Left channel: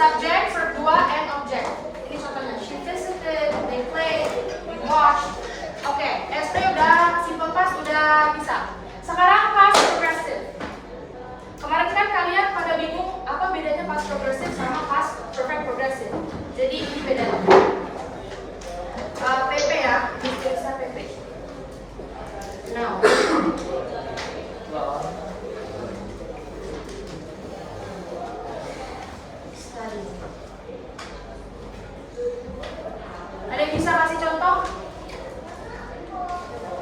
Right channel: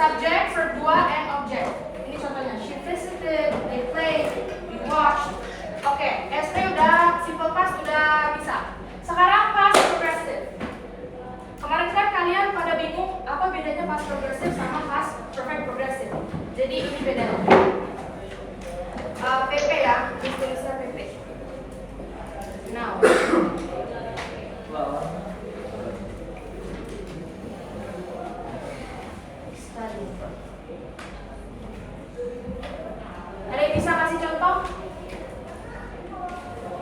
Subject, verb 2, and object. Ini contohnya. She visited, they played, you watched. Oke, SP udah, simple past udah bisa. Sekarang past progressive. Kemarin kan kalian pada bingung apa bedanya past progressive sama past perfect progressive. Jadi ini bedanya. PP ya, bisa PP. Now. Study. Ada yang bisa kasih contoh?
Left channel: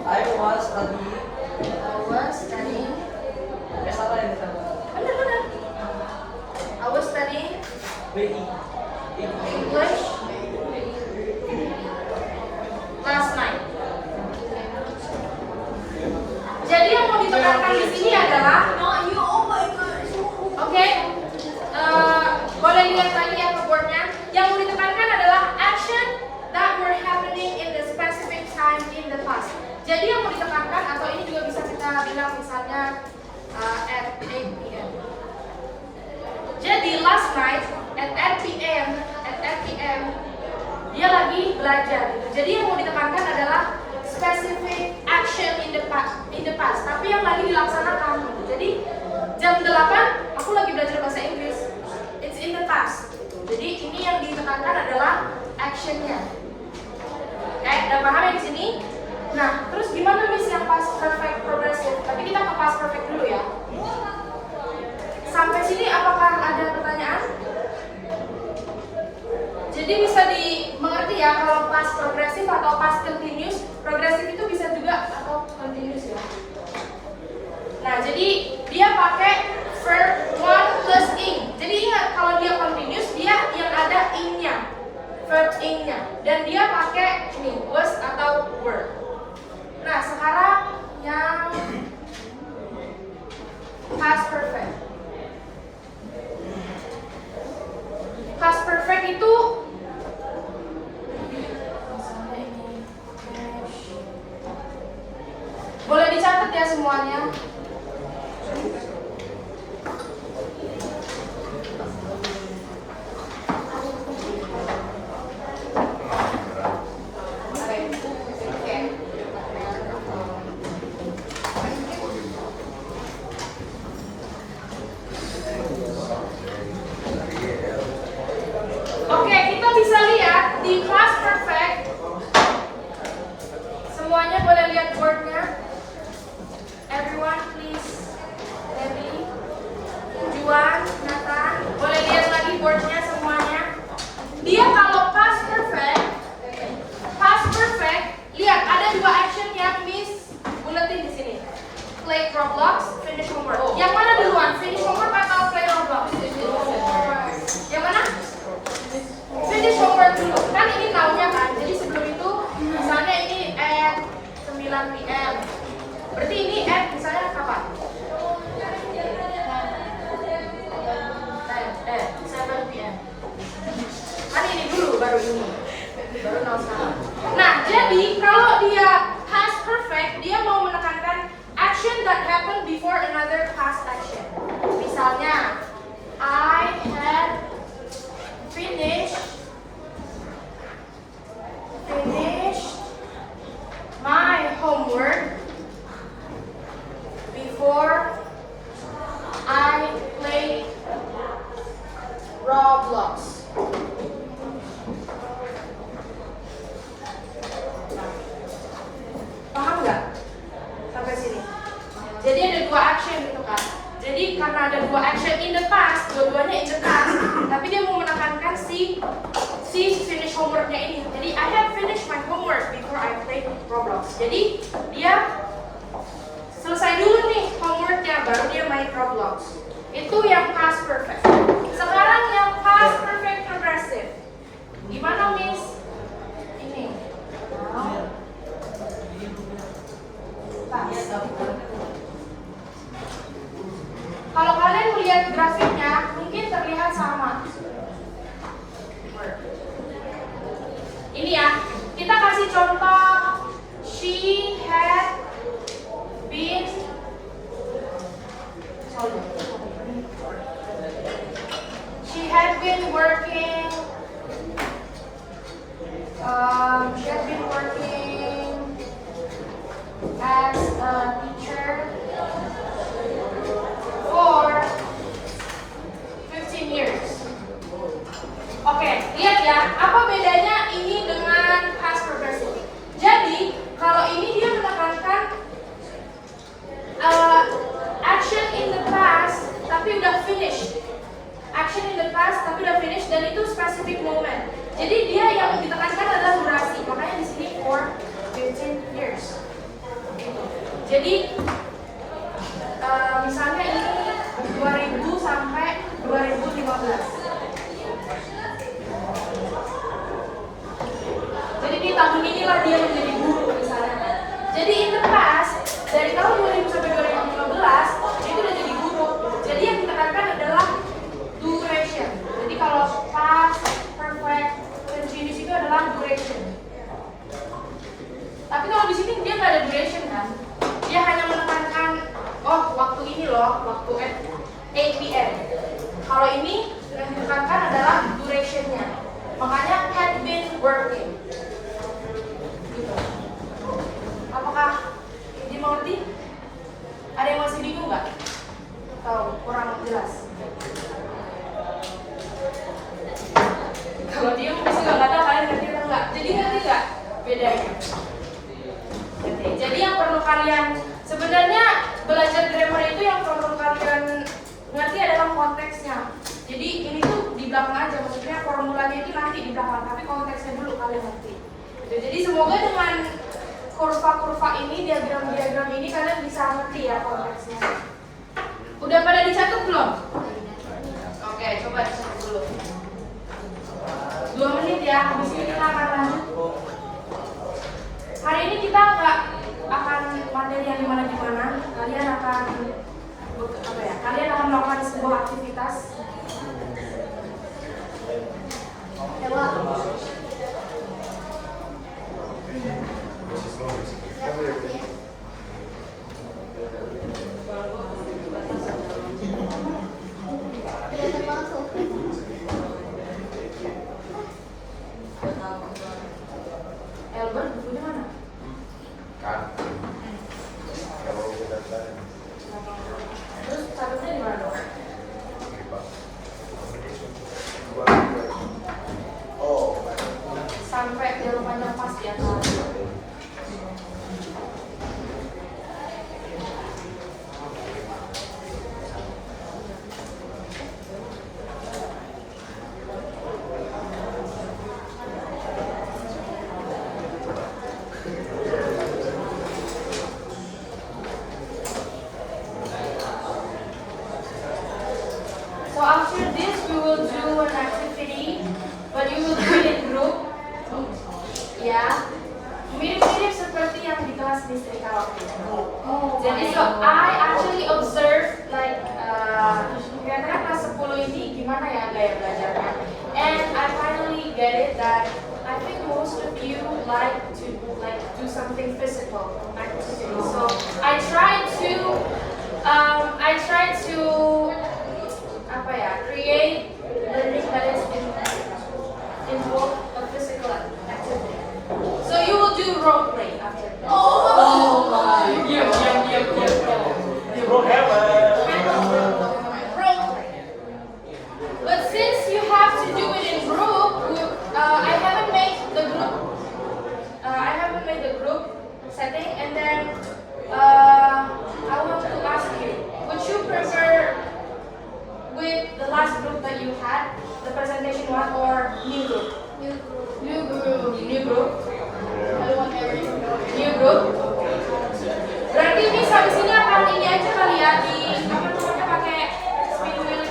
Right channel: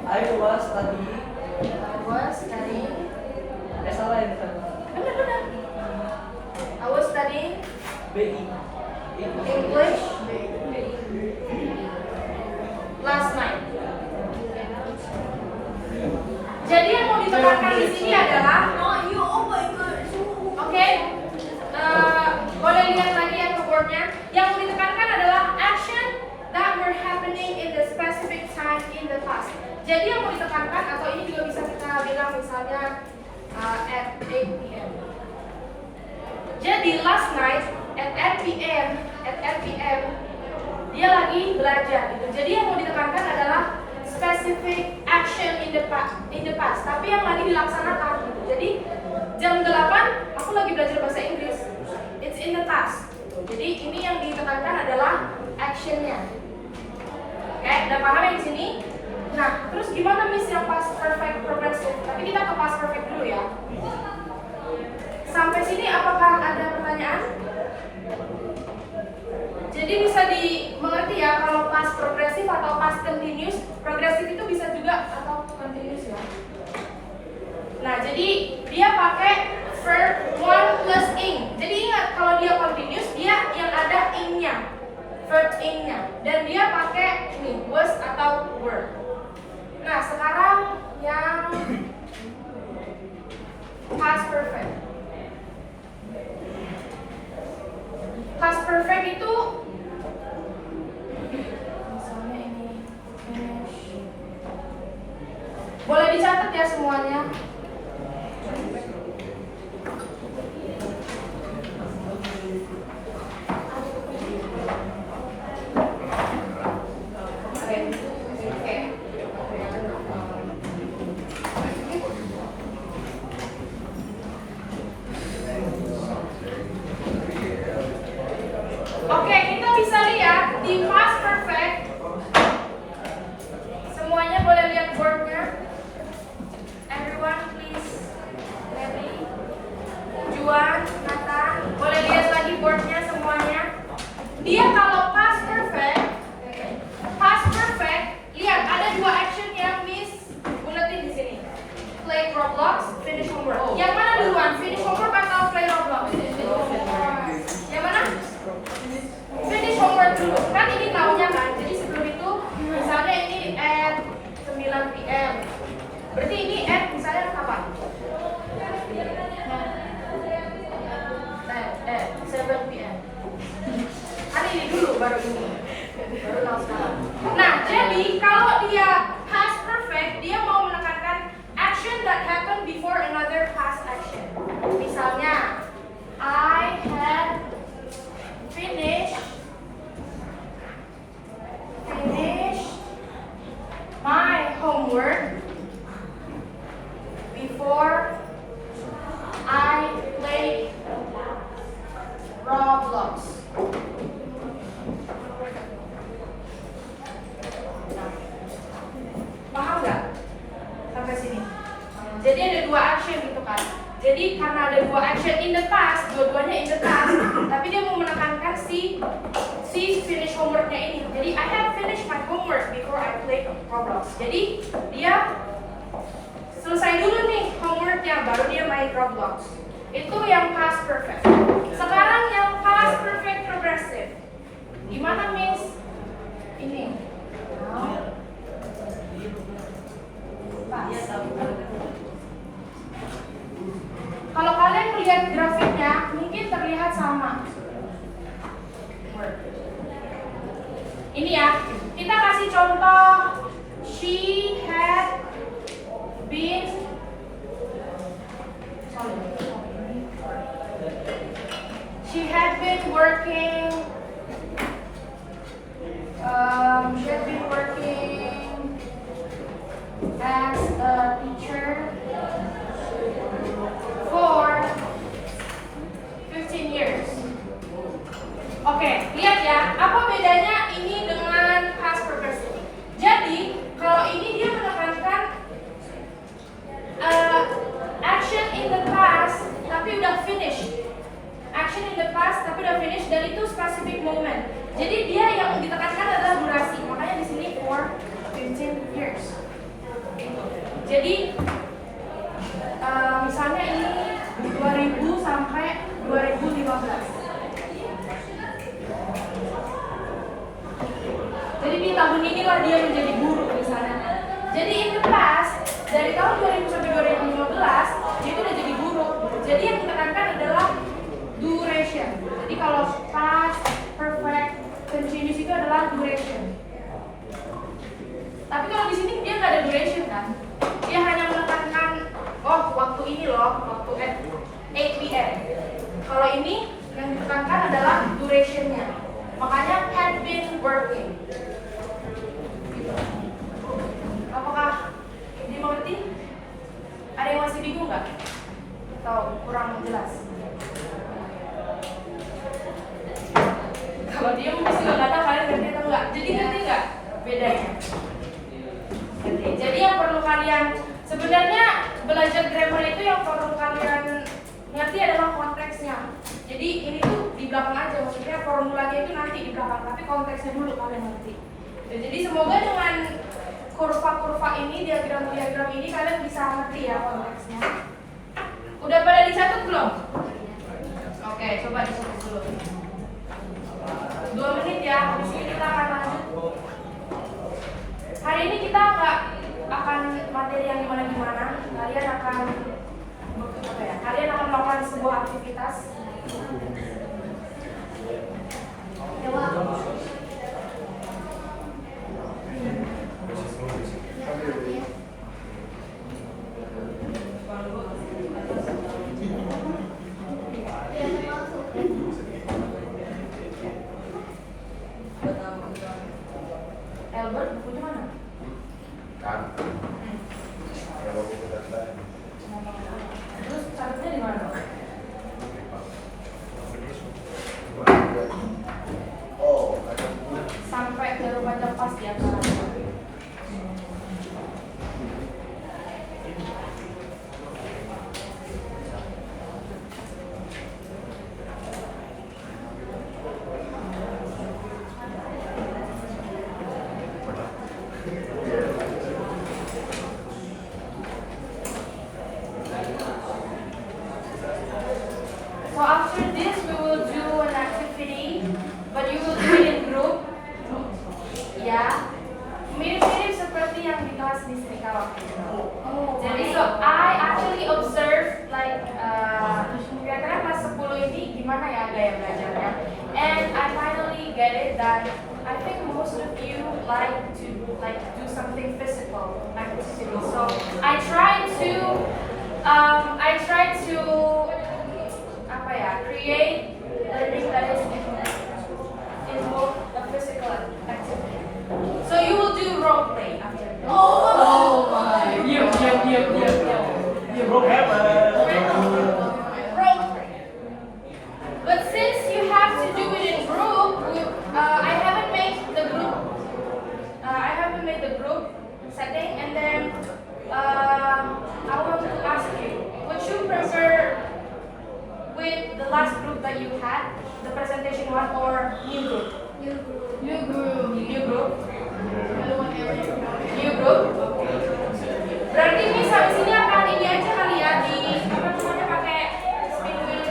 I was studying. I was studying. Salah yang sama. Benar. I was studying BI. English last night. Jadi yang mau ditekankan di sini adalah, oke, boleh lihat lagi ya ke boardnya. Yang mau ditekankan adalah action that were happening in the specific time in the past. Jadi yang mau ditekankan, atau ini juga bisa kita bilang misalnya at 8 p.m. Jadi last night at 8 p.m. dia lagi belajar gitu. Jadi yang mau ditekankan adalah specific action in the past, tapi yang lagi dilaksanakan. Jadi jam 8 aku lagi belajar bahasa Inggris. It's in the past. Jadi ini yang ditekankan adalah actionnya. Oke, udah paham yang sini? Nah, terus gimana Miss yang past perfect progressive? Tapi kita ke past perfect dulu ya. Sampai sini apakah ada pertanyaan? Jadi bisa dimengerti ya kalau past progressive atau past continuous. Progressive itu bisa juga atau continuous ya. Nah, jadi dia pakai verb one plus ing. Jadi ingat kalau dia continuous dia yang ada ing-nya, verb ing-nya, dan dia pakai ini was atau were. Nah, sekarang yang past perfect. Past perfect itu misalnya ini boleh dicatat ya semuanya. Oke, kita bisa lihat di past perfect. Semuanya boleh lihat boardnya. Everyone please. Ready? Juan, Nathan, boleh lihat lagi boardnya semuanya. Dia kalau past perfect, lihat ada dua action yang Miss buletin di sini. Play Roblox, finish homework. Yang mana duluan? Finish homework atau play Roblox? Yang mana? Finish homework dulu. Kan ini tahunnya kan. Jadi sebelum itu misalnya ini at 9 PM. Berarti ini at misalnya kapan? 7 PM. Kan ini dulu baru ini. Baru tahun sekarang. Nah, jadi kalau dia past perfect, dia mau menekankan action that happened before another past action. Misalnya, I had finished my homework before I played Roblox. Paham nggak? Sampai sini. Jadi ada dua action gitu kan. Jadi karena ada dua action in the past, dua-duanya in the past, tapi dia mau menekankan si finish homeworknya ini. Jadi I have finished my homework before I played Roblox. Jadi dia selesai dulu nih homeworknya, baru dia main Roblox. Itu yang past perfect. Sekarang yang past perfect progressive. Gimana Miss? Ini. Kalau kalian melihat grafiknya, mungkin terlihat sama. Ini ya, kita kasih contoh. She had been had been working. She had been working as a teacher for 15 years. Oke, lihat ya, apa bedanya ini dengan past progressive. Jadi, kalau ini dia menekankan action in the past, tapi udah finish. Action in the past, tapi udah finish, dan itu specific moment. Jadi dia yang ditekankan adalah durasi, makanya di sini for 15 years. Jadi, misalnya ini 2000 sampai 2015. Jadi di tahun inilah dia menjadi guru di sana. Jadi in the past, dari tahun 2000 sampai 2015, dia itu udah jadi guru. Jadi yang ditekankan adalah duration. Jadi kalau past, perfect, continuous itu adalah duration. Tapi kalau di sini dia nggak ada duration kan? Dia hanya menekankan, oh waktu ini loh, waktu at 8 p.m. Kalau ini yang ditekankan adalah durationnya. Makanya had been working. Gitu. Apakah dimengerti? Ada yang masih bingung nggak? Atau kurang jelas? Kalau dia mungkin nggak tahu kalian ngerti atau enggak. Jadi ngerti nggak bedanya? Jadi yang perlu kalian sebenarnya belajar grammar itu yang perlu kalian ngerti adalah konteksnya. Jadi ini tuh di belakang aja, maksudnya formulanya itu nanti di belakang, tapi konteksnya dulu kalian ngerti. Jadi semoga dengan kurva-kurva ini, diagram-diagram ini kalian bisa ngerti ya konteksnya. Udah pada dicatat belum? Oke, coba dicatat dulu. 2 menit ya, habis ini kita akan lanjut. Hari ini kita nggak akan materi yang gimana-gimana. Kalian akan apa ya? Kalian akan melakukan sebuah aktivitas. Coba. Albert, bukunya mana? Kan. Terus catatnya di mana dong? Sampai jalur panjang pas ya. So after this, we will do an activity, but you will do it in group. Ya, mirip-mirip seperti yang di kelas listrik kalau. Jadi so I actually observe like kira-kira kelas 10 ini gimana ya gaya belajarnya, and I finally get it that I think most of you like to do something physical activity. So I try to apa ya, create learning that is involved a physical activity. So you will do role play after. Oh my! Role play. But since you have to do it in group, I haven't made the group setting, and then I want to ask you, would you prefer with the last group that you had, the presentation one, or new group? New group. New group. Berarti ini sampai sini apa ini aja kali ya, di apa namanya, pakai speed wheel.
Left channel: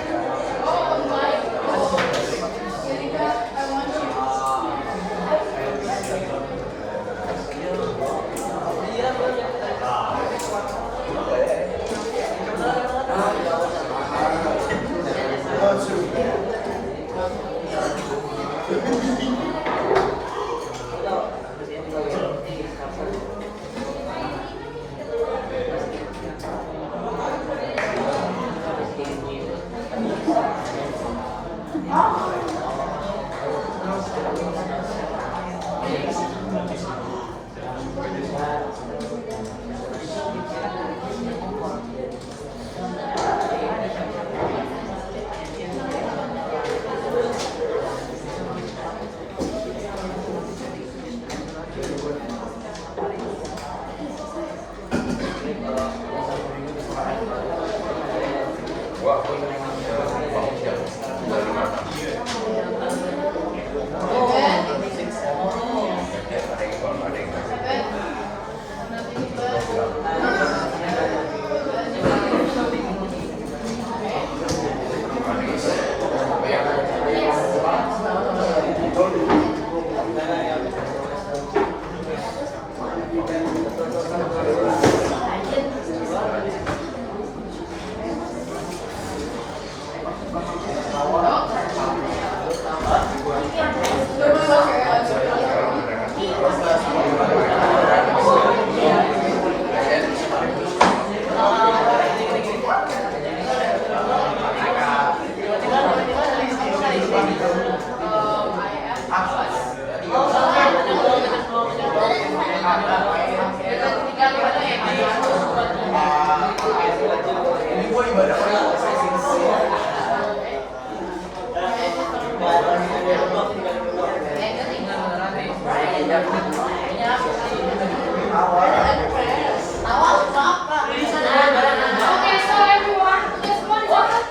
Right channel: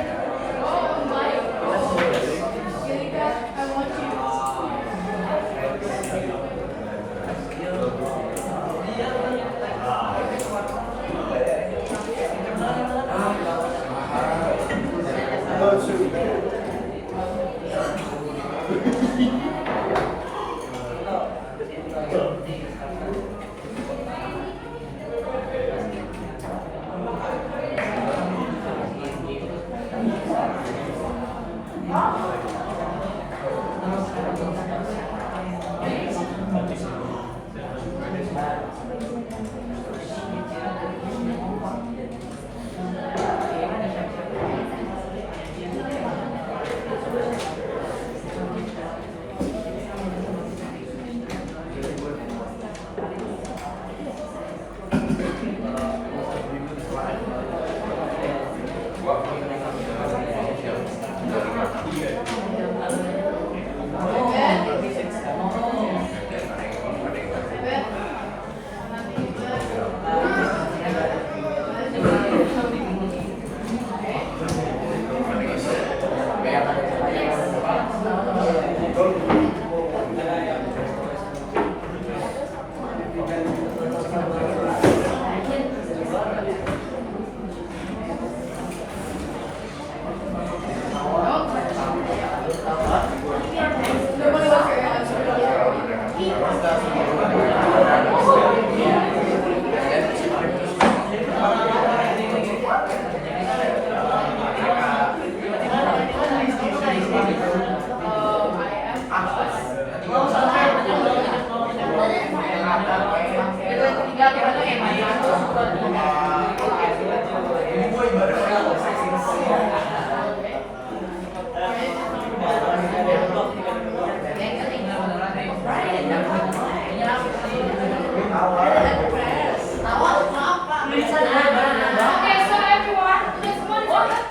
Okay, so everyone, just one second.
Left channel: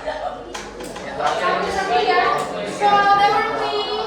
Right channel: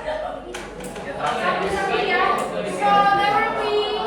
Satu ya. So they were cleaning.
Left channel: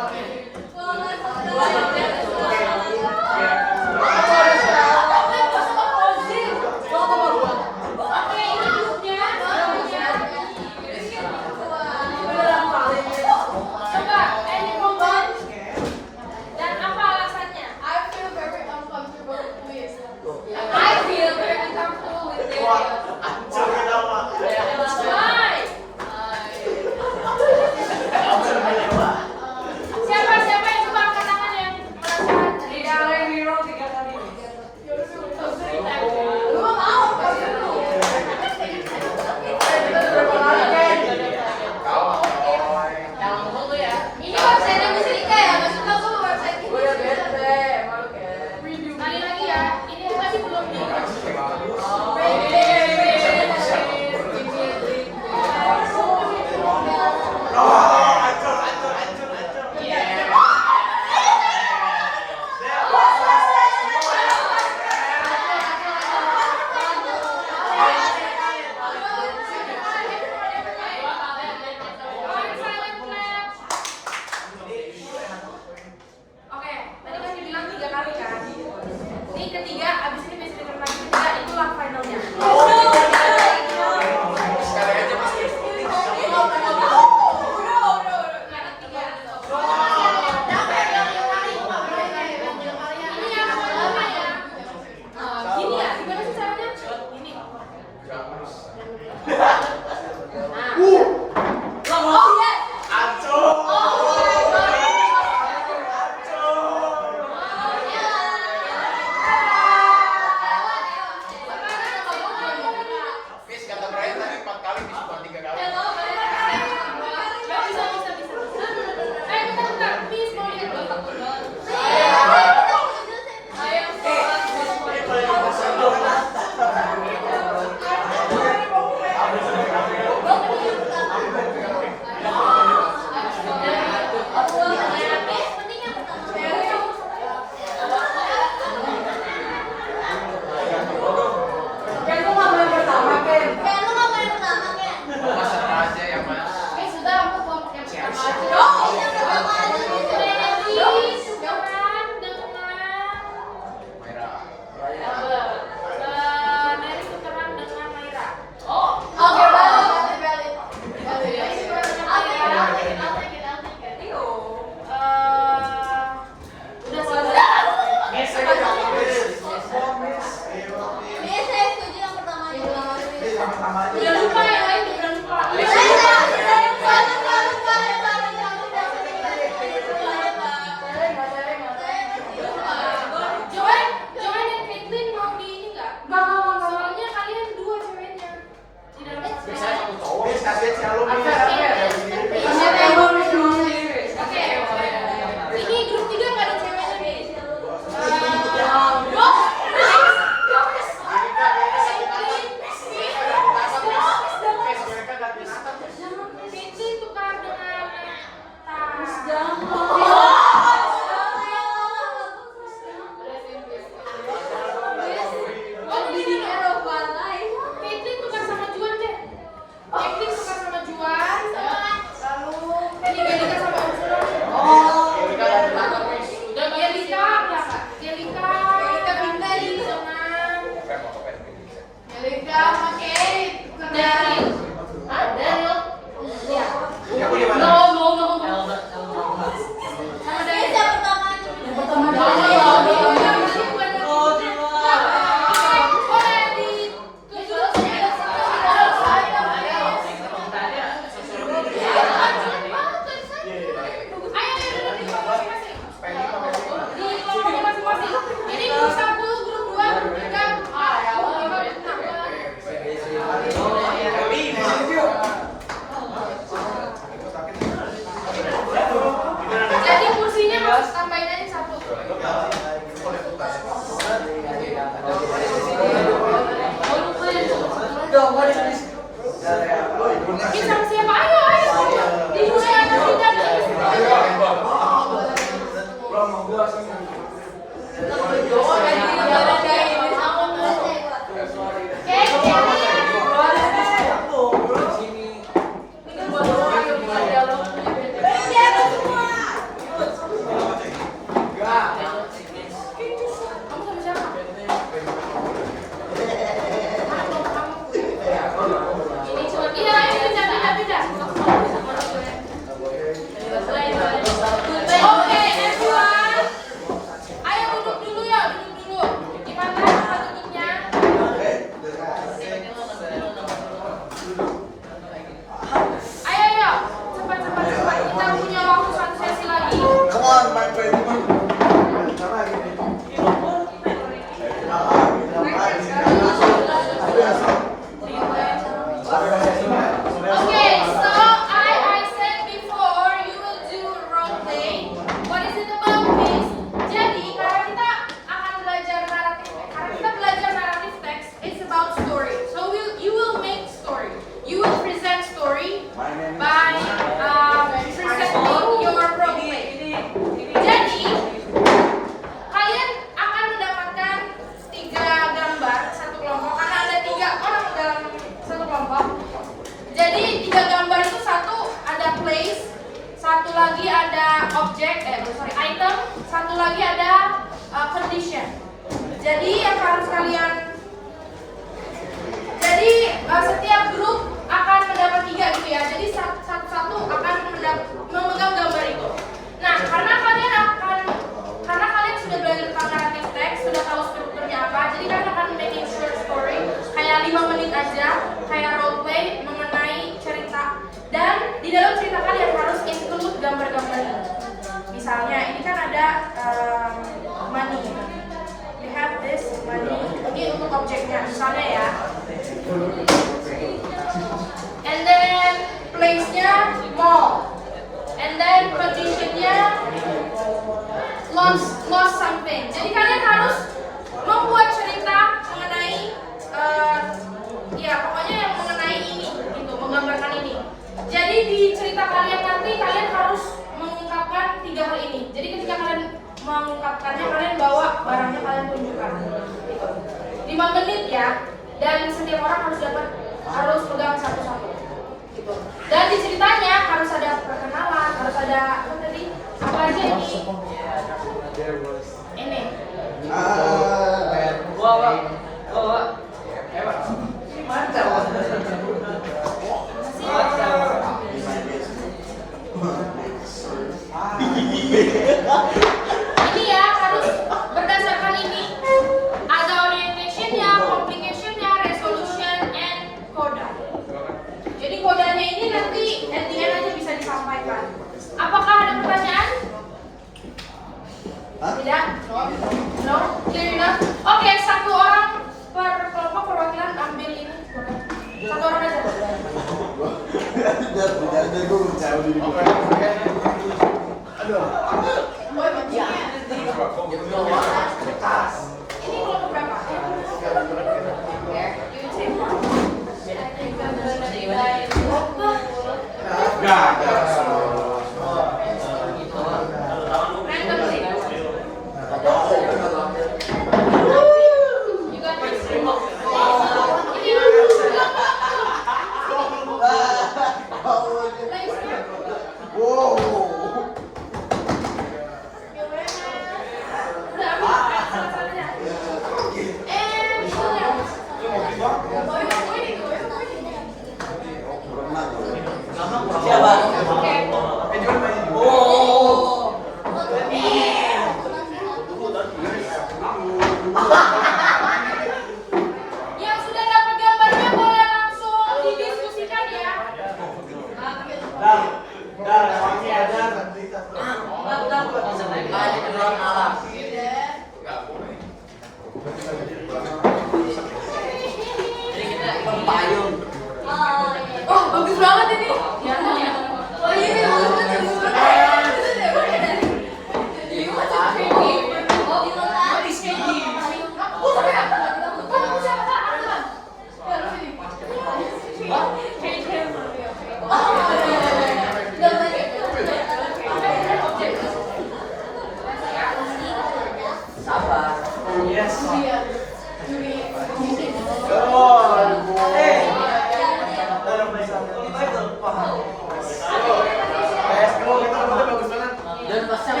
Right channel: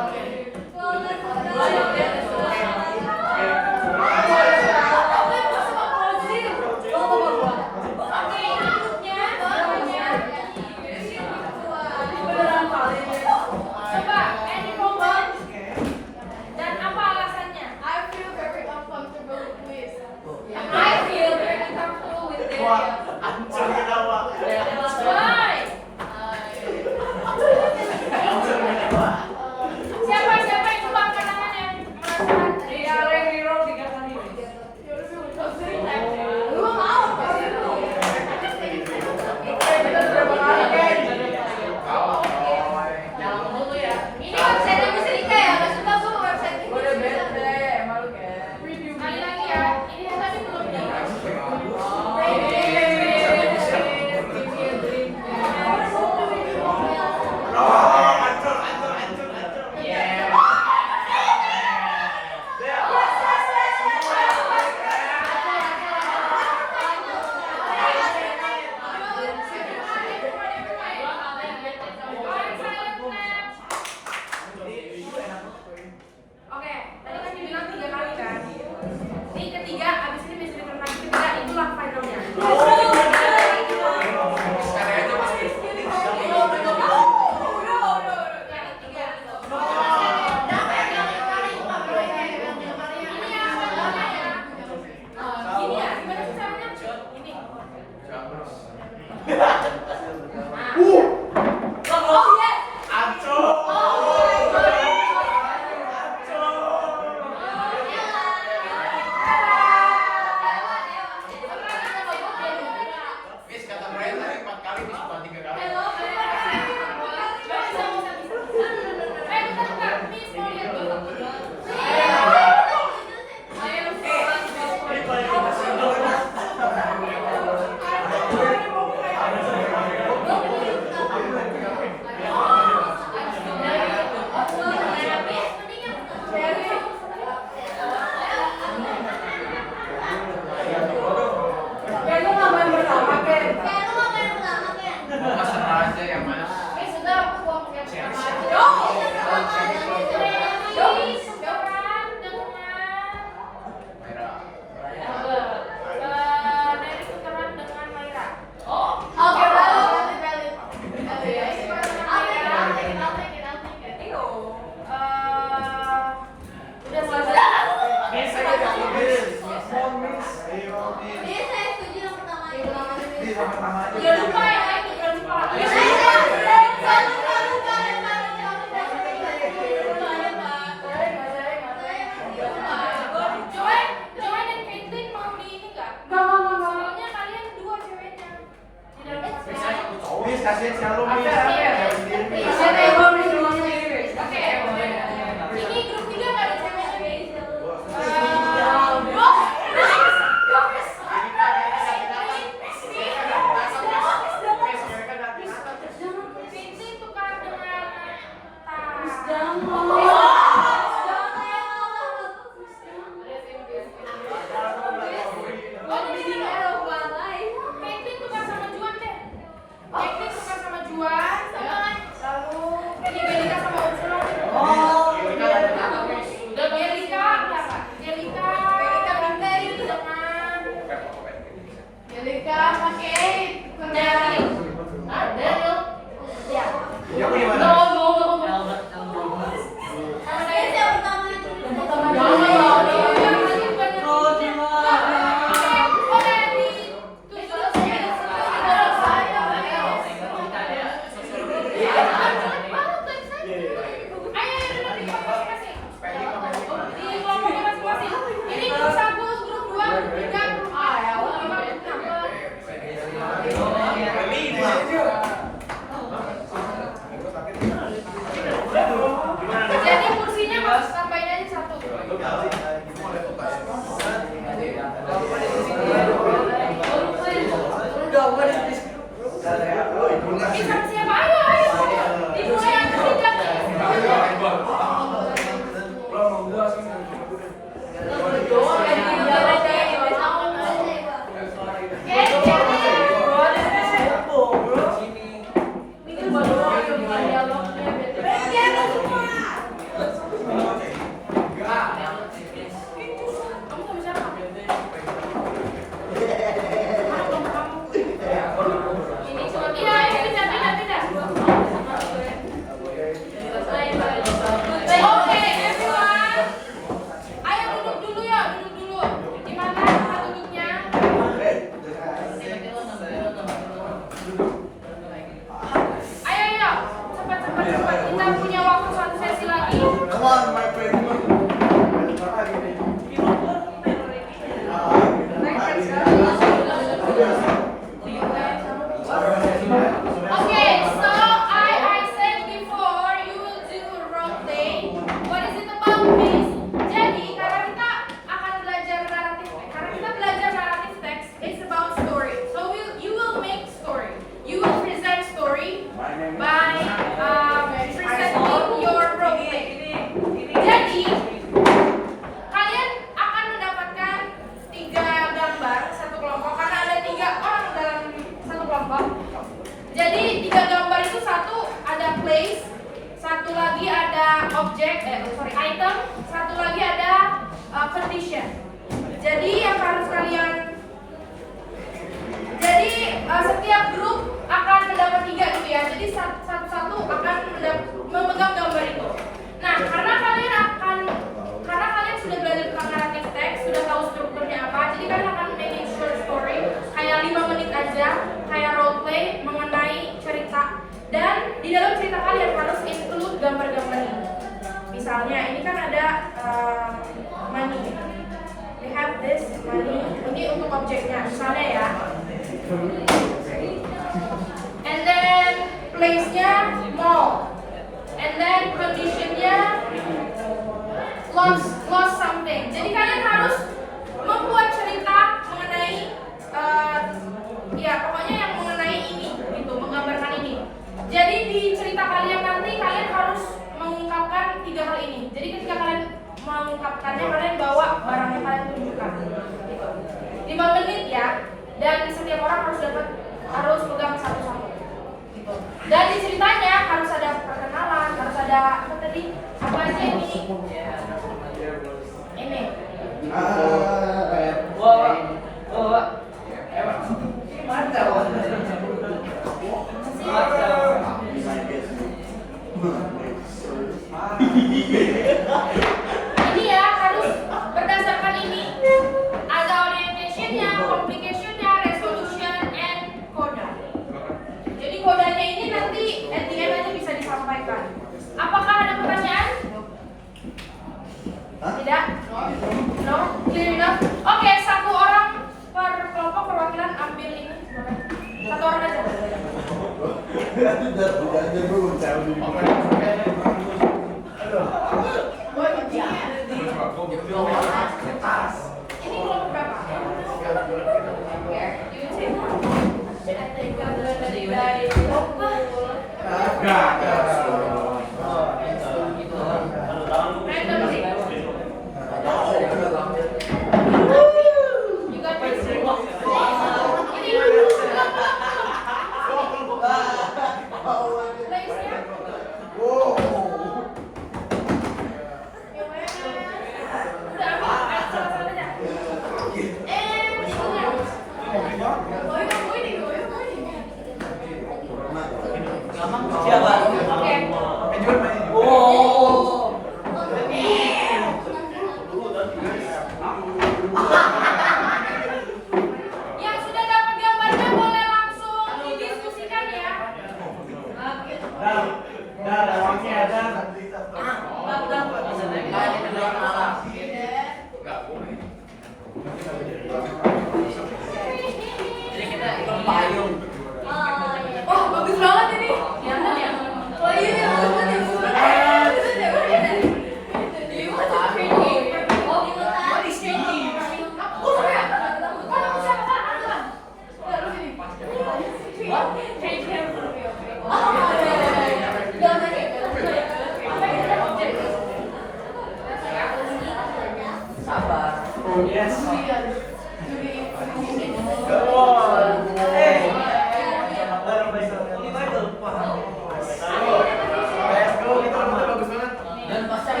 Dan pasang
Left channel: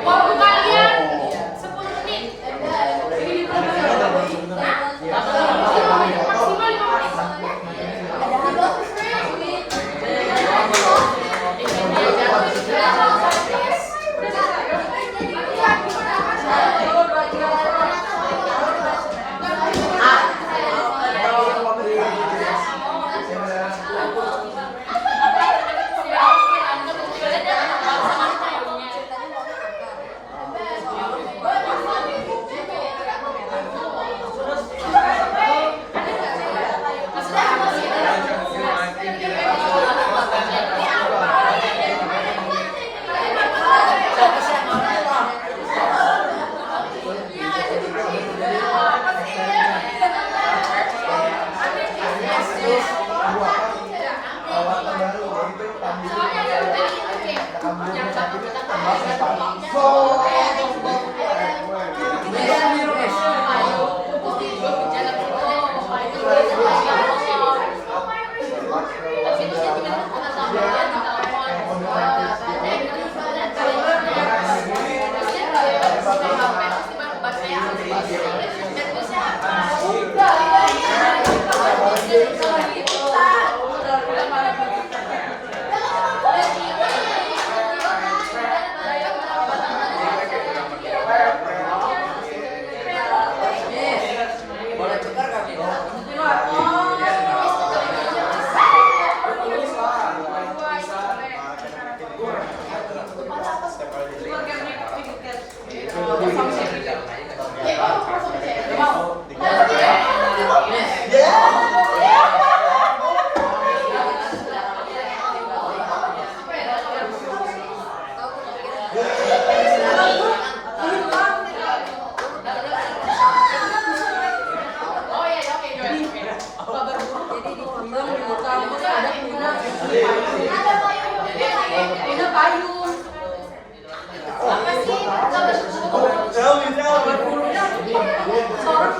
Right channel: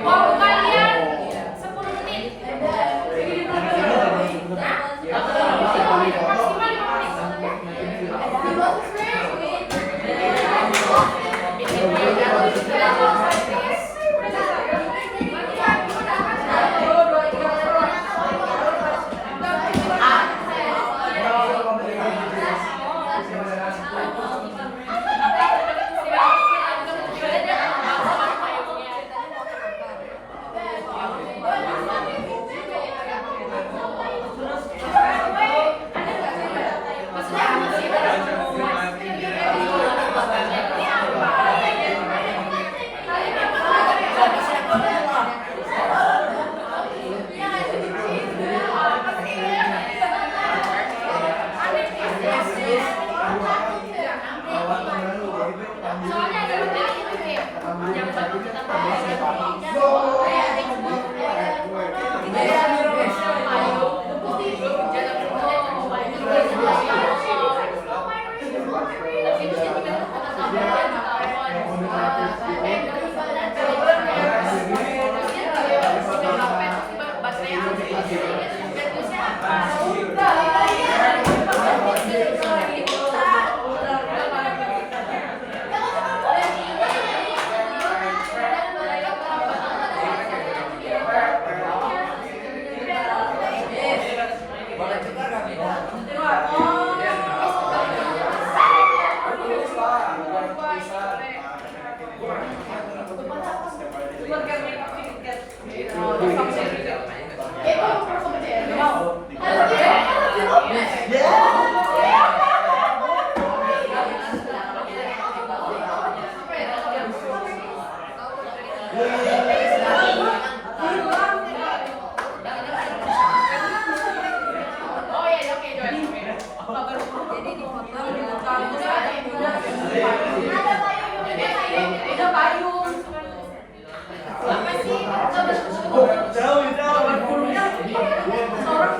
Waktu kalian 10 menit.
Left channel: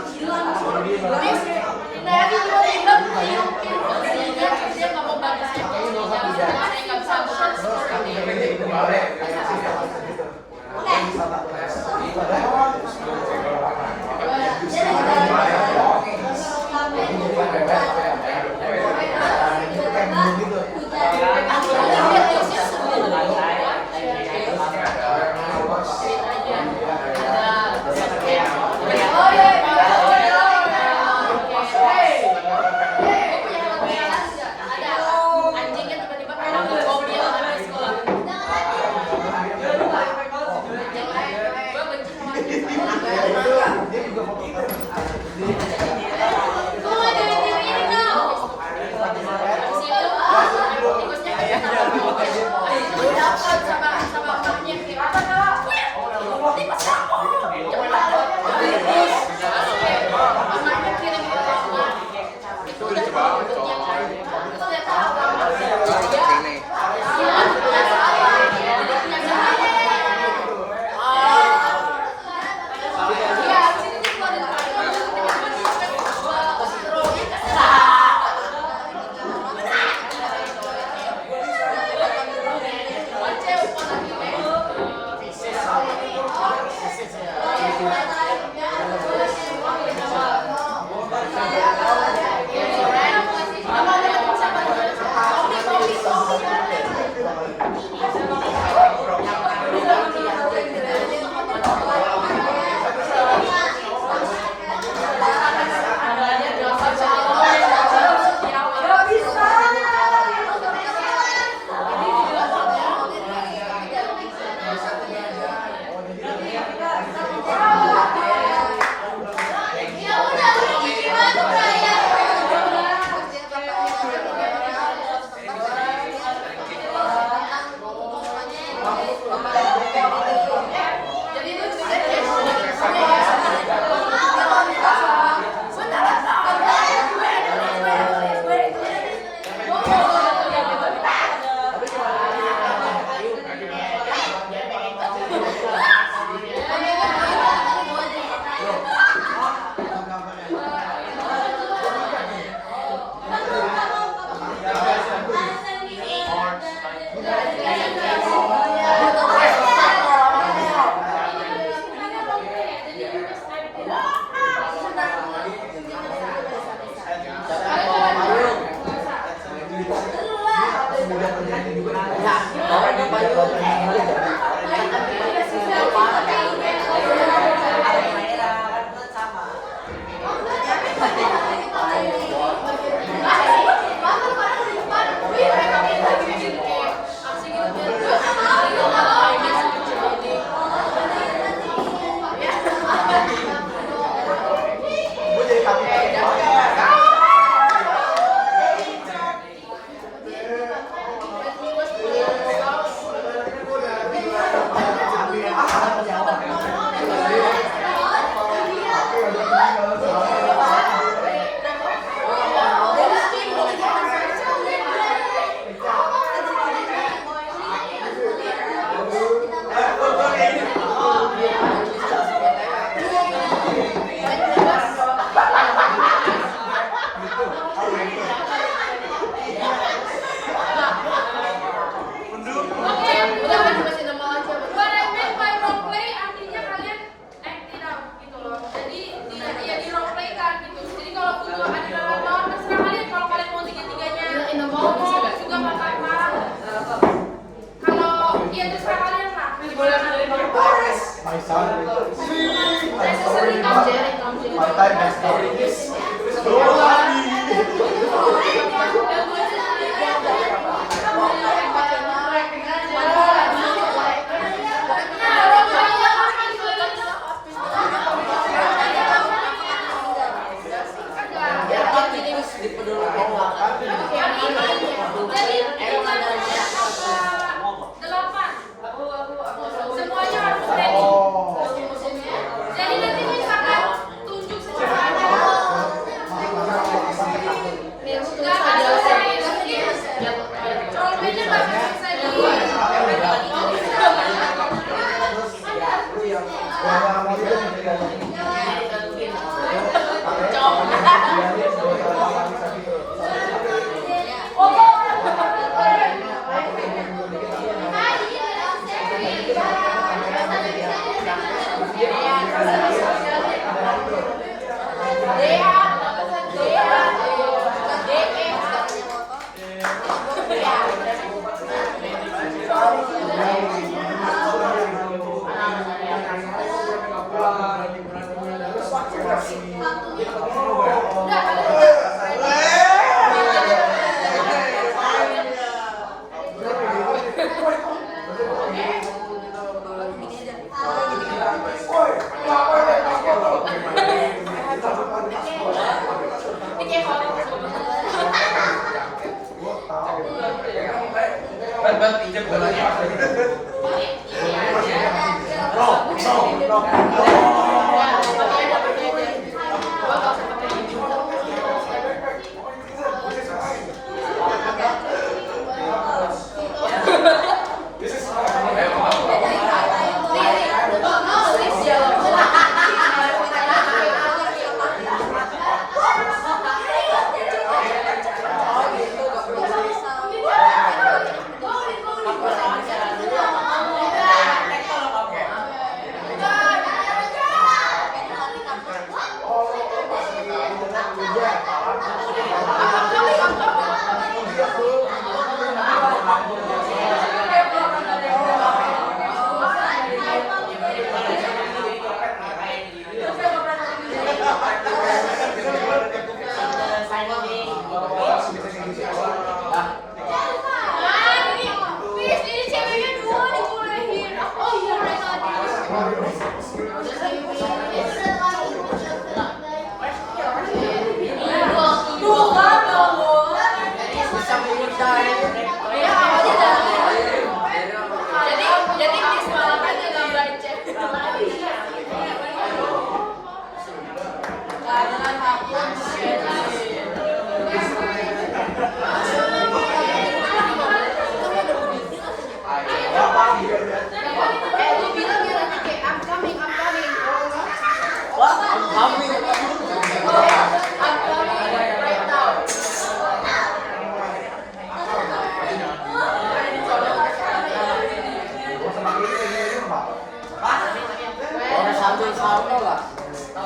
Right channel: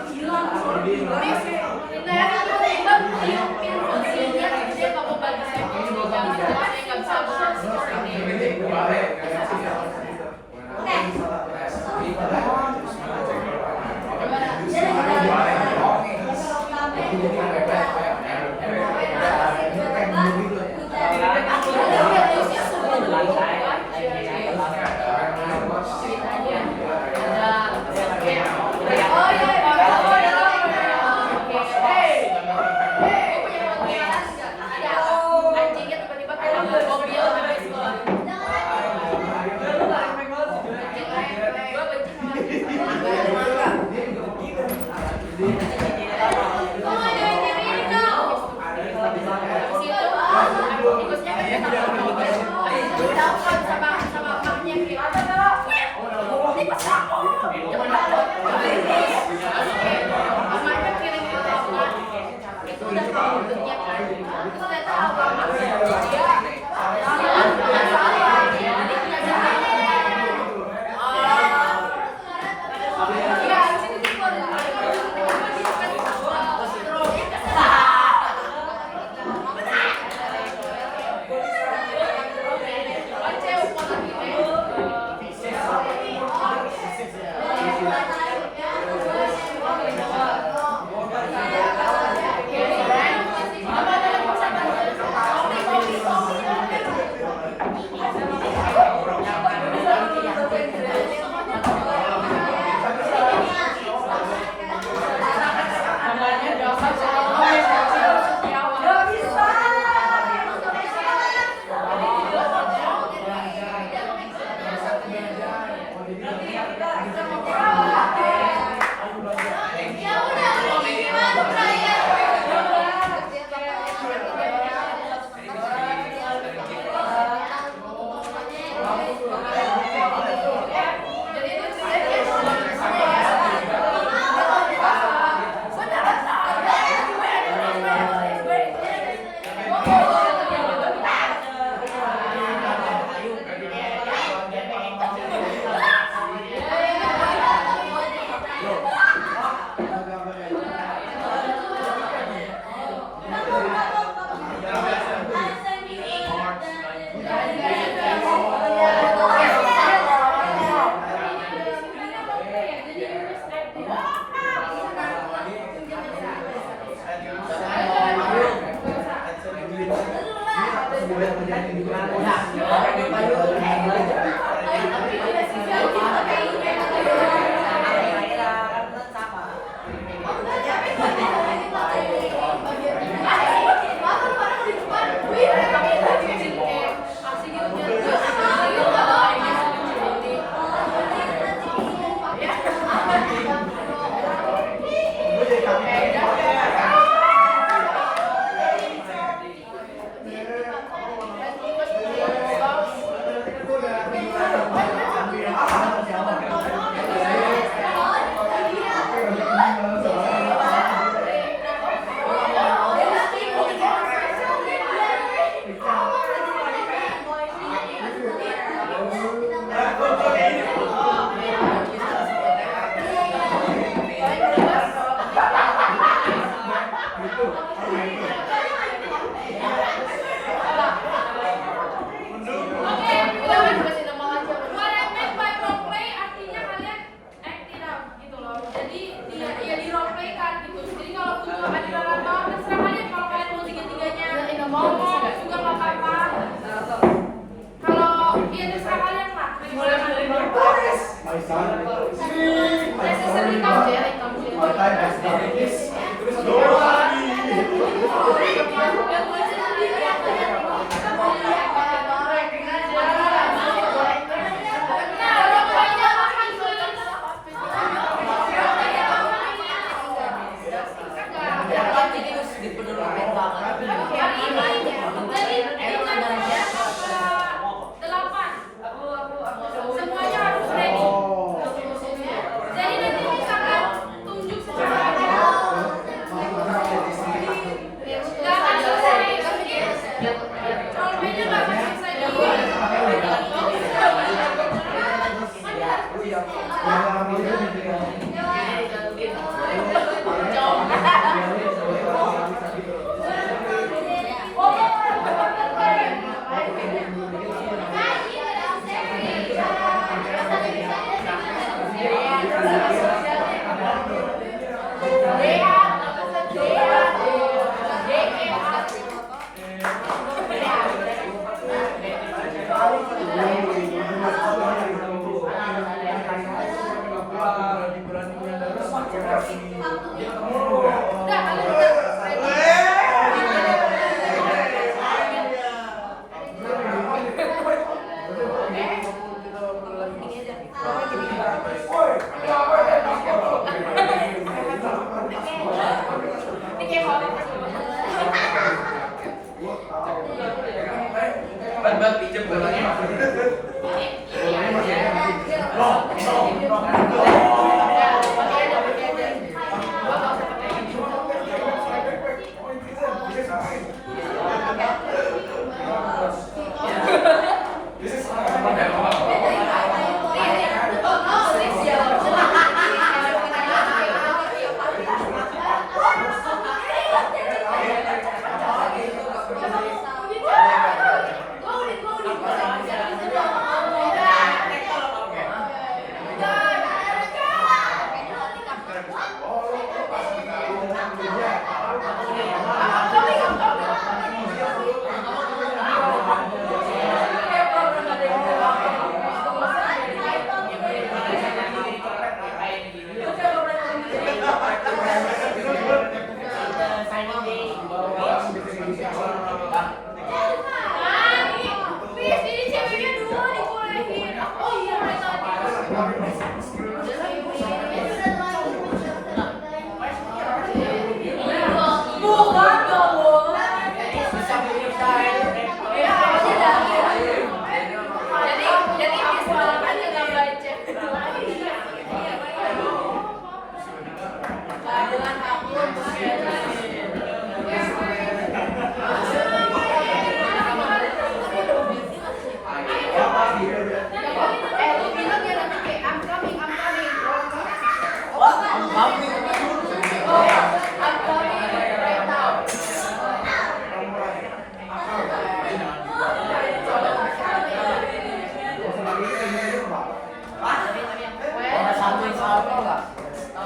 Maksimal はい。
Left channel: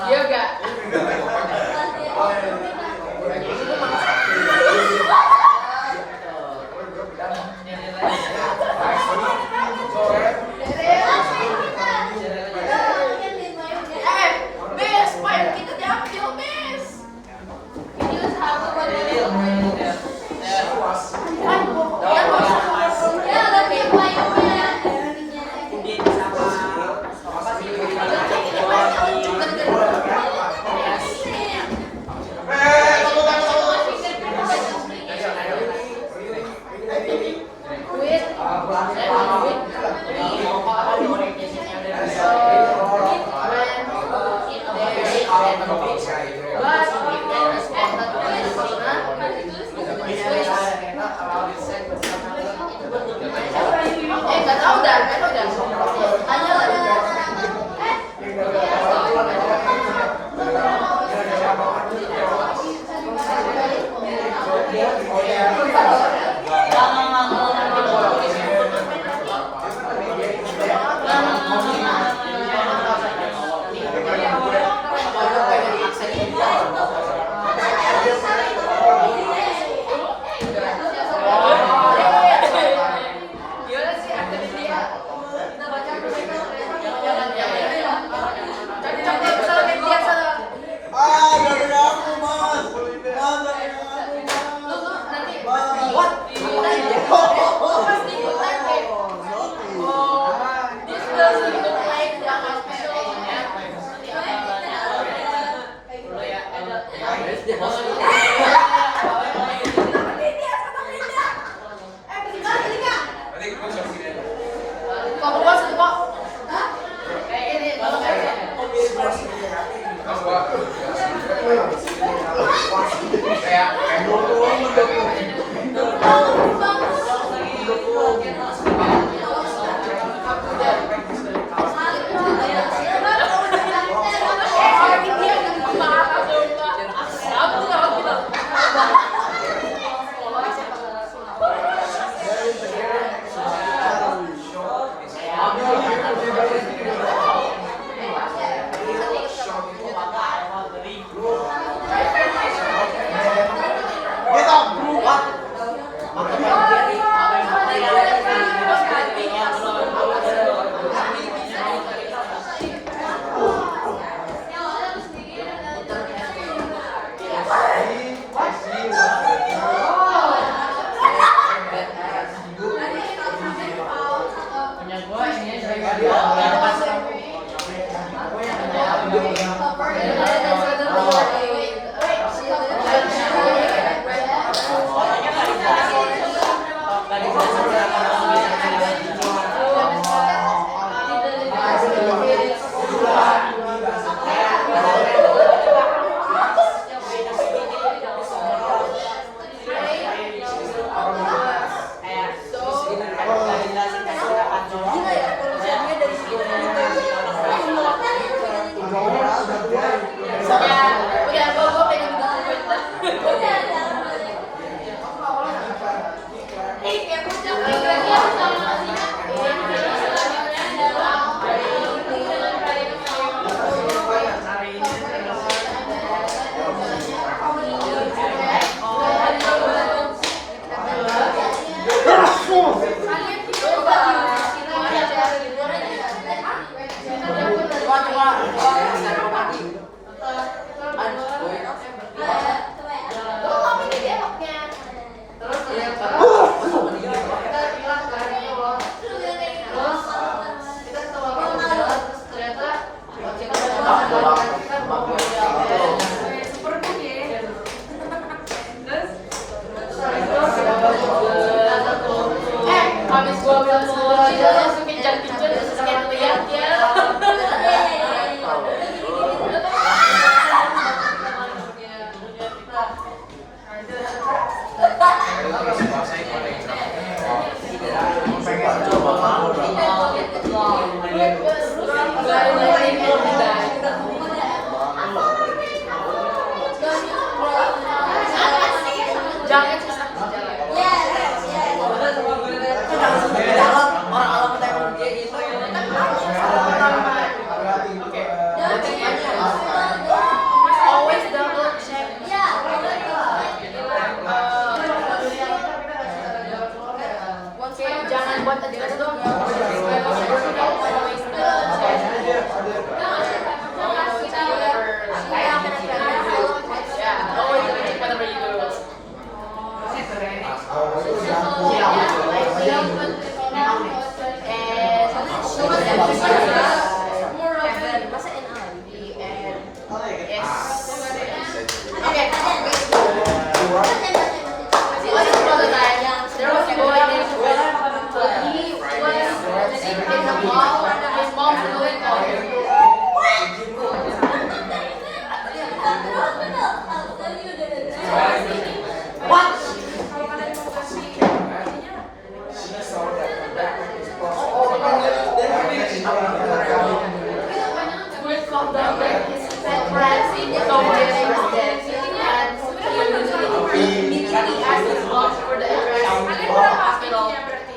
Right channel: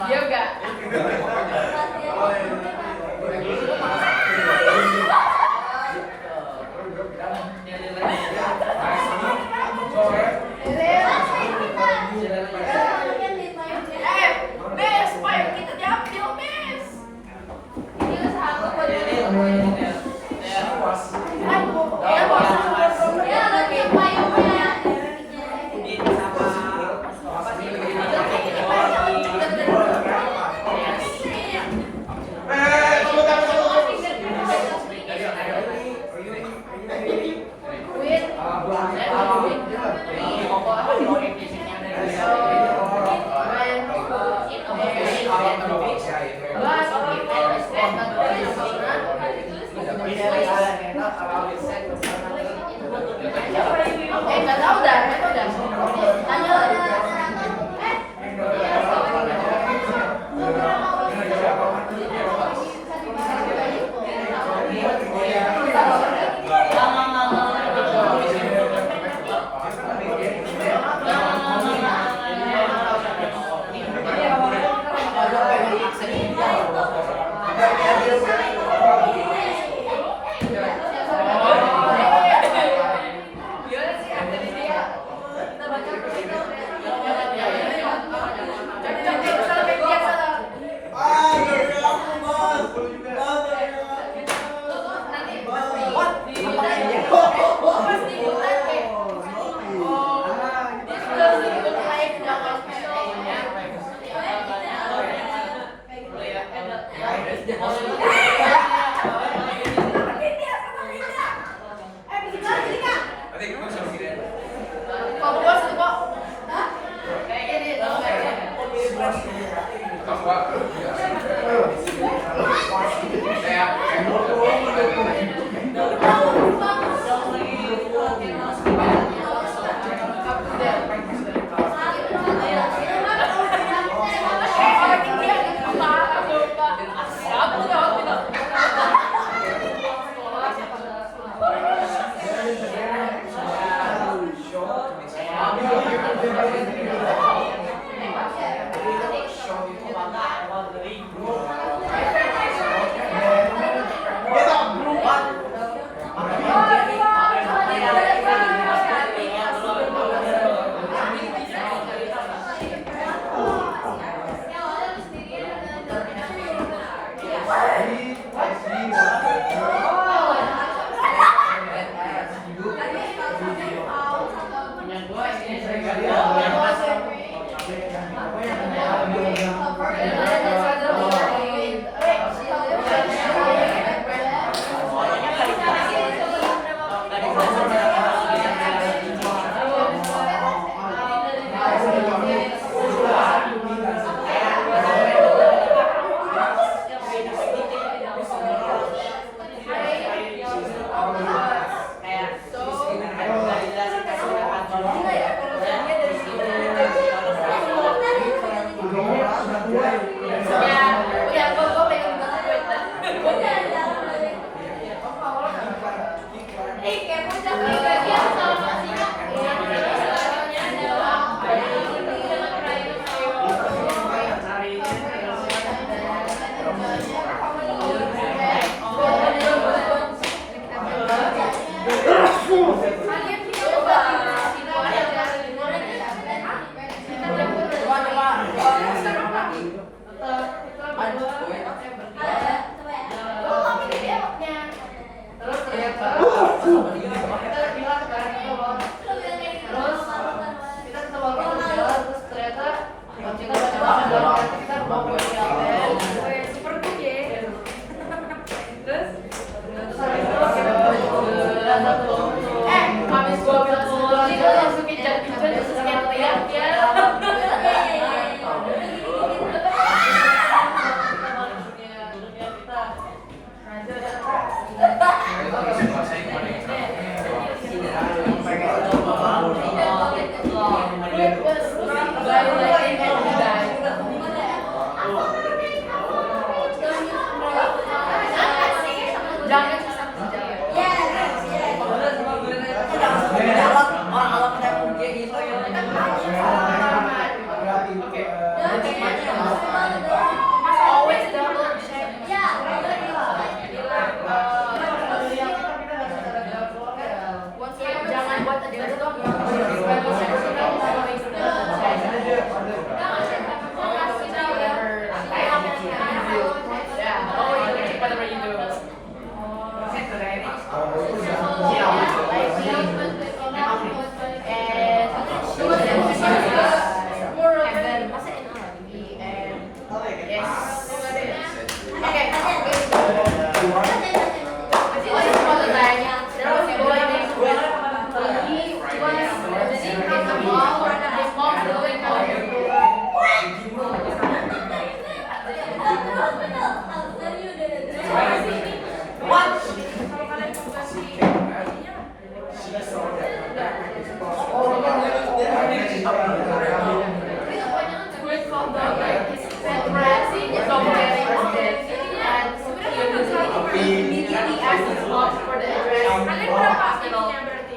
Iya, pokok apa di orientasinya ada di nggak tahu dah. Tanya lah. Orang-orang kayak dia gitu ya. His mom's really calling.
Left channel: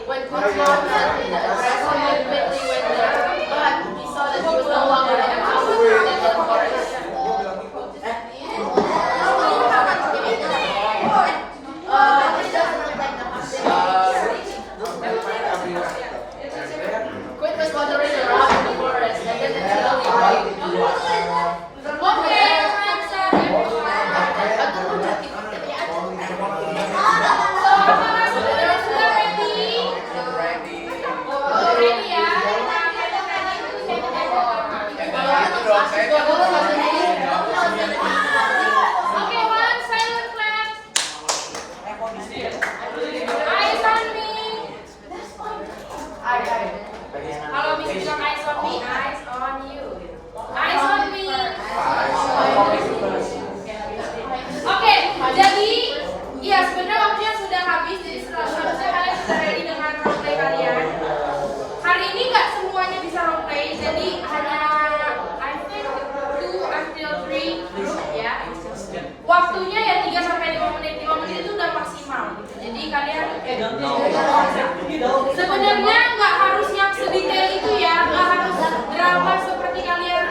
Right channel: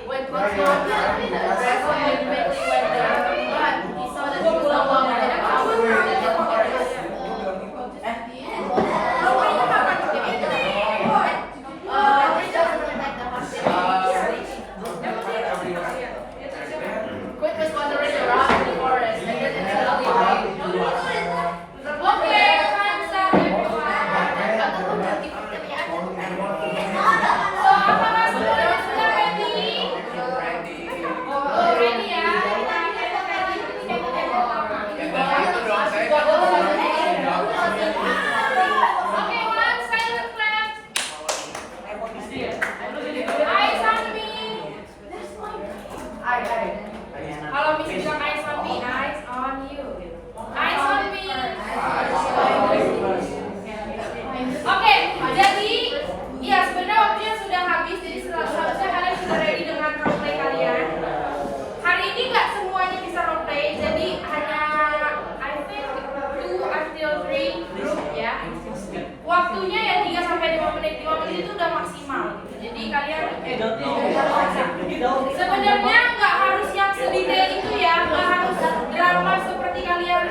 When Coach Mom had the address, he quickly went there, but he saw that he was no longer in the house. Quit was wandering around in the forest, and then it suddenly rained. Okay, time's up, everyone. So, apakah sudah ready? Ready ya? Okay, one silent clap. Eyes on me. Kalau Miss bilang eyes on me, eyes on you. Eyes on me. Oke, jadi iya sebenarnya waktunya sudah habis, jadi seharusnya kalian sudah ready dengan roleplay kalian. Hari ini nggak semuanya bisa roleplay, jadi hanya I think 2 until 3 group ya. Waktunya ya 3 sampai 5 menit. 5 menit itu udah maksimal gitu. Jadi kalian sebenarnya nggak harus yang sedetail itu ya, nggak harus drama seperti kalian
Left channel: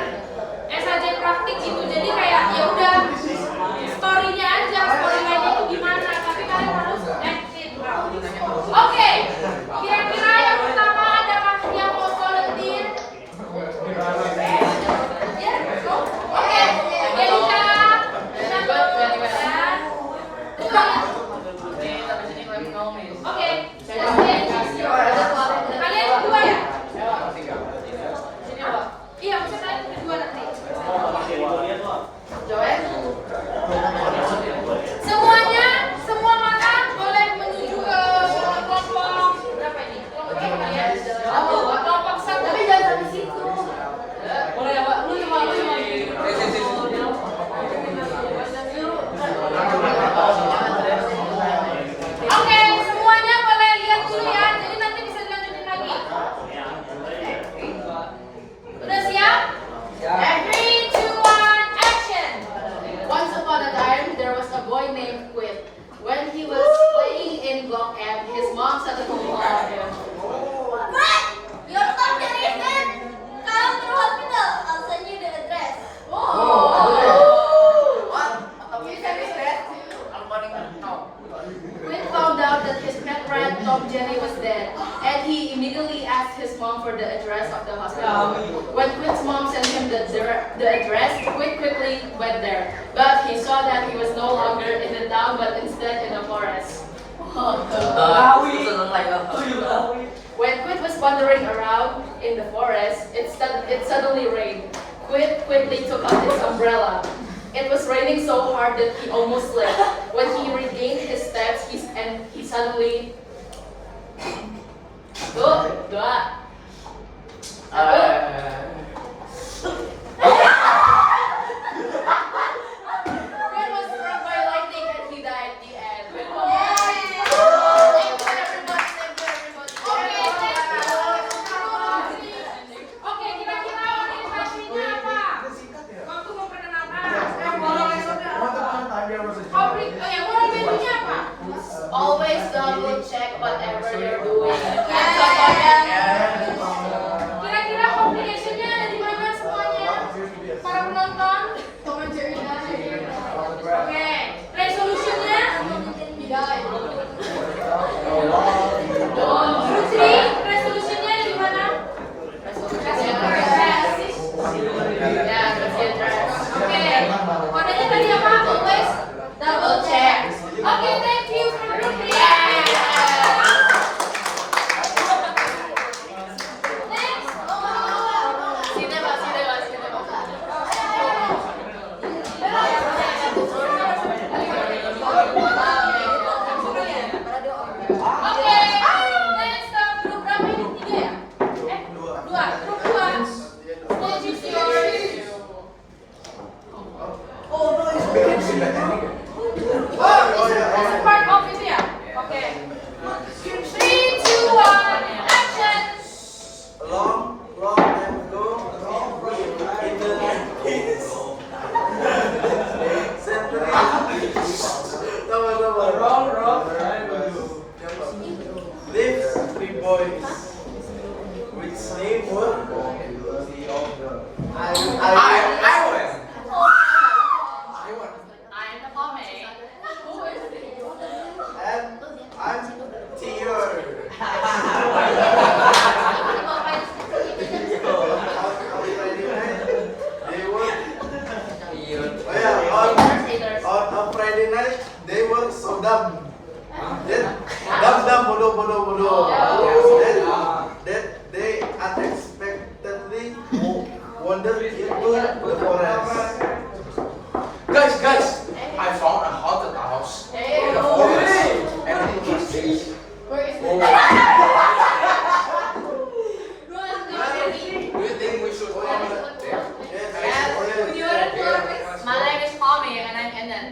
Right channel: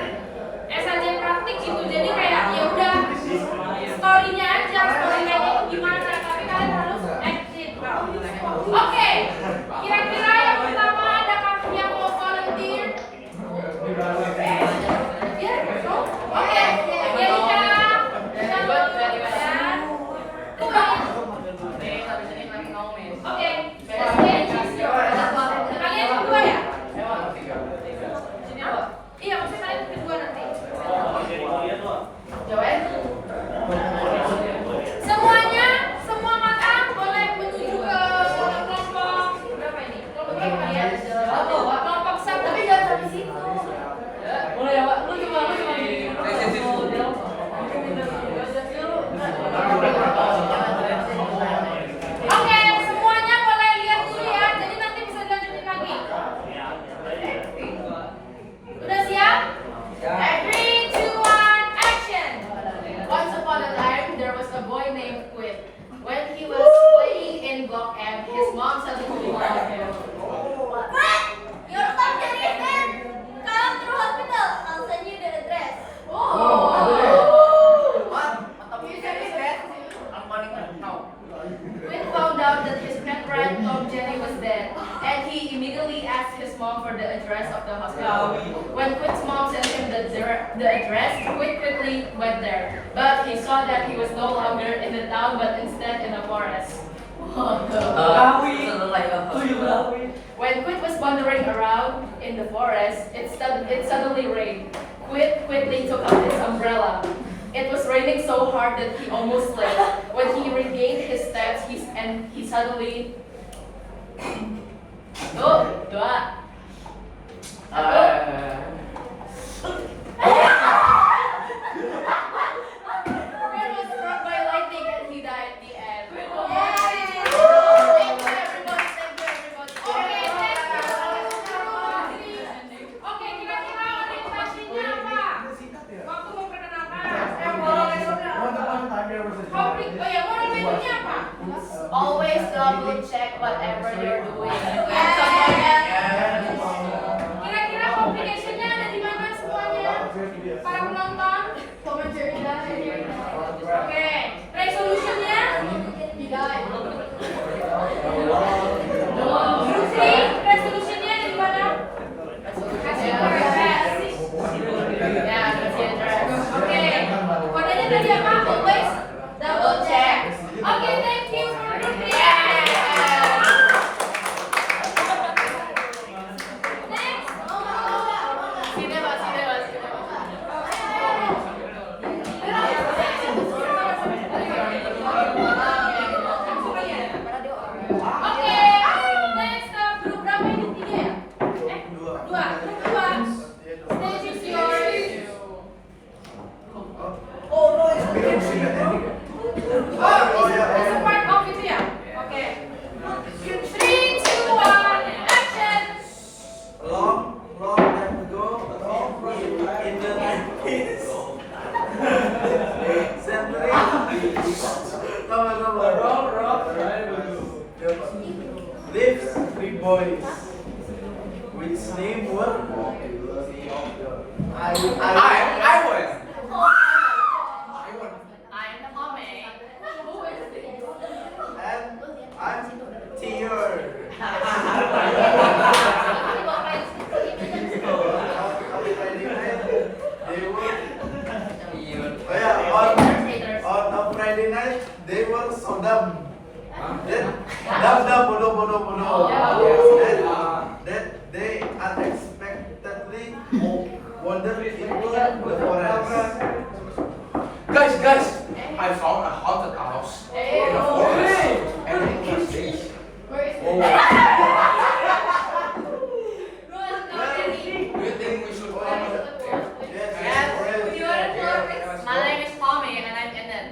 SAJ praktik gitu. Jadi kayak ya udah story-nya aja, story-nya itu gimana, tapi kalian harus act it out. Oke, kira-kira yang pertama adakah yang mau volunteer? Ya, no? Oke, Erika, Oke, kalian berdua ya? Iya, maksudnya kalian berdua nanti. Semuanya, semua mata boleh menuju ke kelompok berapa ini? Kelompok berapa kalian? Kelompok 1, tapi jangan sampai situ. Boleh ya, Pak? Lu coba Oke, semuanya boleh lihat dulu ya. Jadi nanti bisa dilanjutin lagi. Udah siap? 3, 2, 1, action. Once upon a time, there was a boy named Quinn. When he was playing in Block M, his mom suddenly called him. Your mom directed. Come to hospital. I'll send you the address. Quinn found out that his pet rat Tom Jerry was dead, and he immediately asked his mom for the address of the hospital. When Quinn's mom sent him the address, Quinn quickly went there, but he saw that he was no longer in the town, but instead in a forest. When Quinn was wandering around in the forest, it suddenly rained. Quinn quickly took out his umbrella. It was raining so hard that he almost slipped. When he regained his steps, he suddenly Quinn was struck by lightning and he died at the end. Oke, kira-kira organisasinya apa? Waktu memperkenalkan. Roleplay-nya apa? Always double check whatever you're doing. Kira-kira name was I won. I'm Tommy. and I'm Tier. They were on a Friday night they were so dumb. Dumb bodoh. That they unexpectedly wandered into the forest. Guys, I found a haunted house in the forest. And interesting. Do you think we should follow it there? Yes. My name is Tommy and I'm Enden.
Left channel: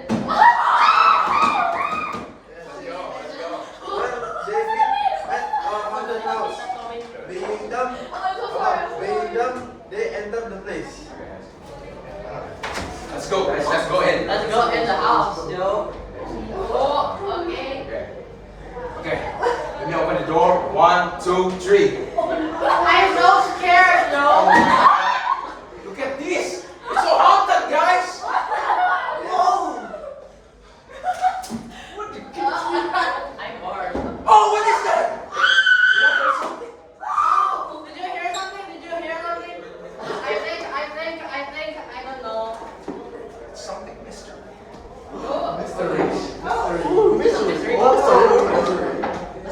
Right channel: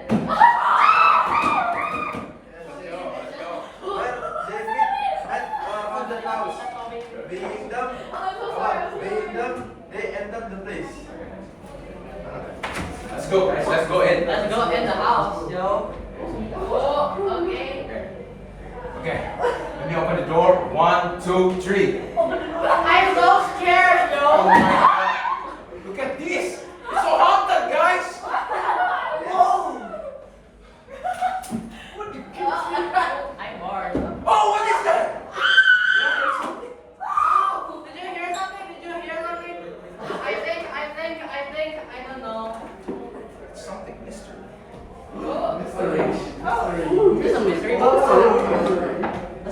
Let's go. Well, they met a haunted house. Being dumb, they entered the place. Let's go, guys. Let's go in. Let's go in the house, yo. Oh, okay. Okay. Let me open the door. 1, 2, 3. I'm so scared, yo. Look at this. It's so haunted, guys. I'm bored. Oh, what is that? Did you hear something? I don't know. Something mystery. Let's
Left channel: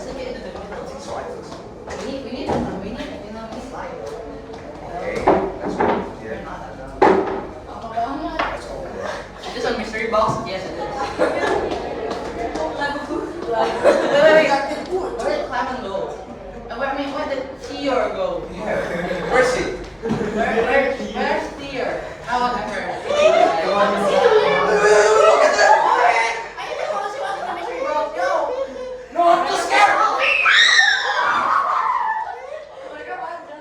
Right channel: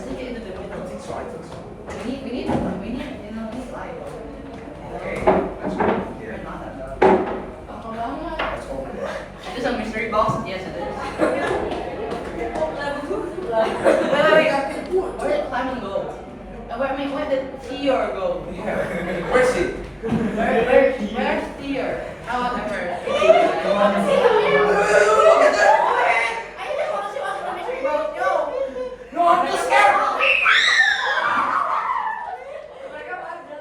look into the window. We need light. Okay. Let's go. Is this a mystery box? Yes, it is. Where did Clement go? And where did Theor go? Where's it? Where's Theor? I want him first.